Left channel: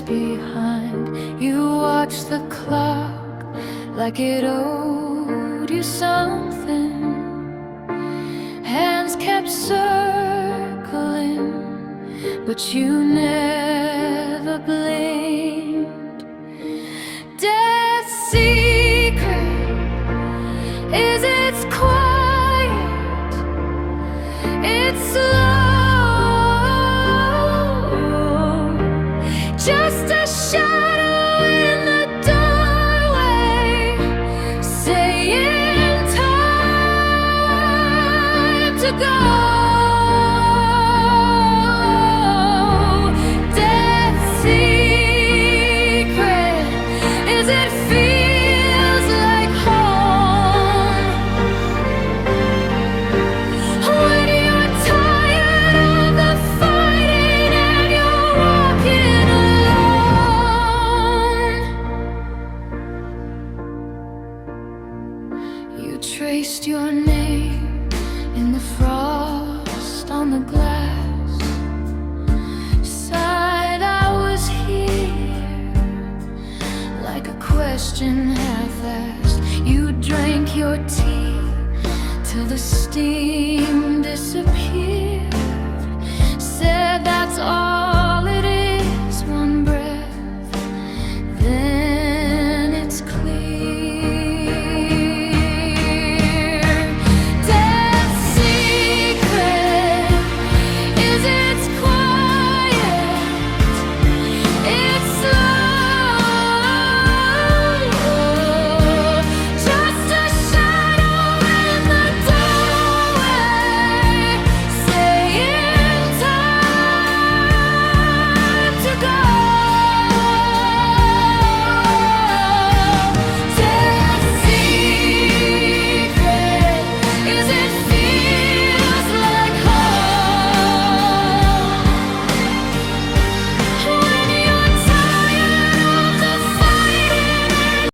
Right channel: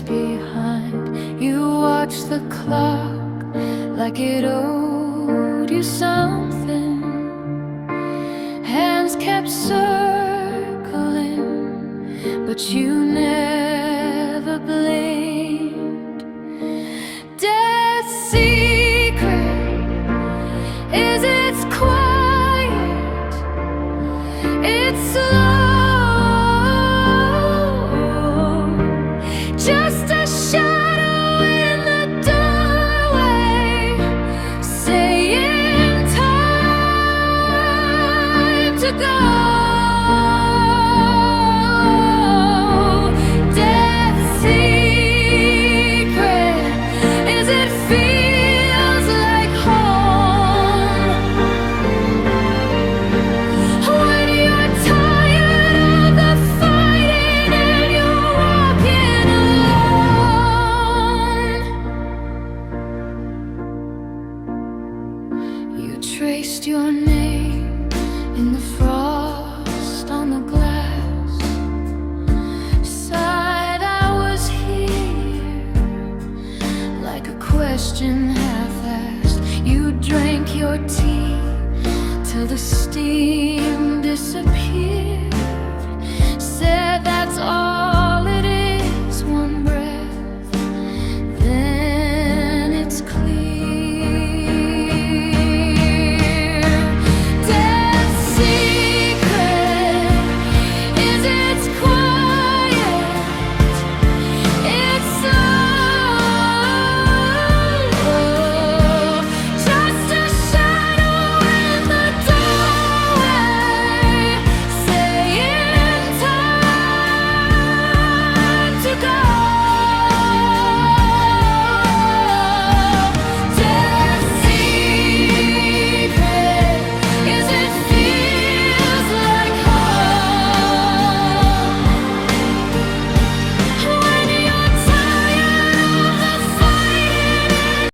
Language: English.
years behind. You watched the clock like it owed you something. Hands kept circling, but you never blinked. Death's secret is its quiet, it's slow, just a shadow in the doorway, saying time to go. Death's secret is it feels like home. When you're tired of the fighting and you're walking alone. You traced your name in the frost on the glass, sighed, I was here, like a question half-asked. You drank your tea till the steam disappeared, said that's all it is, one breath, then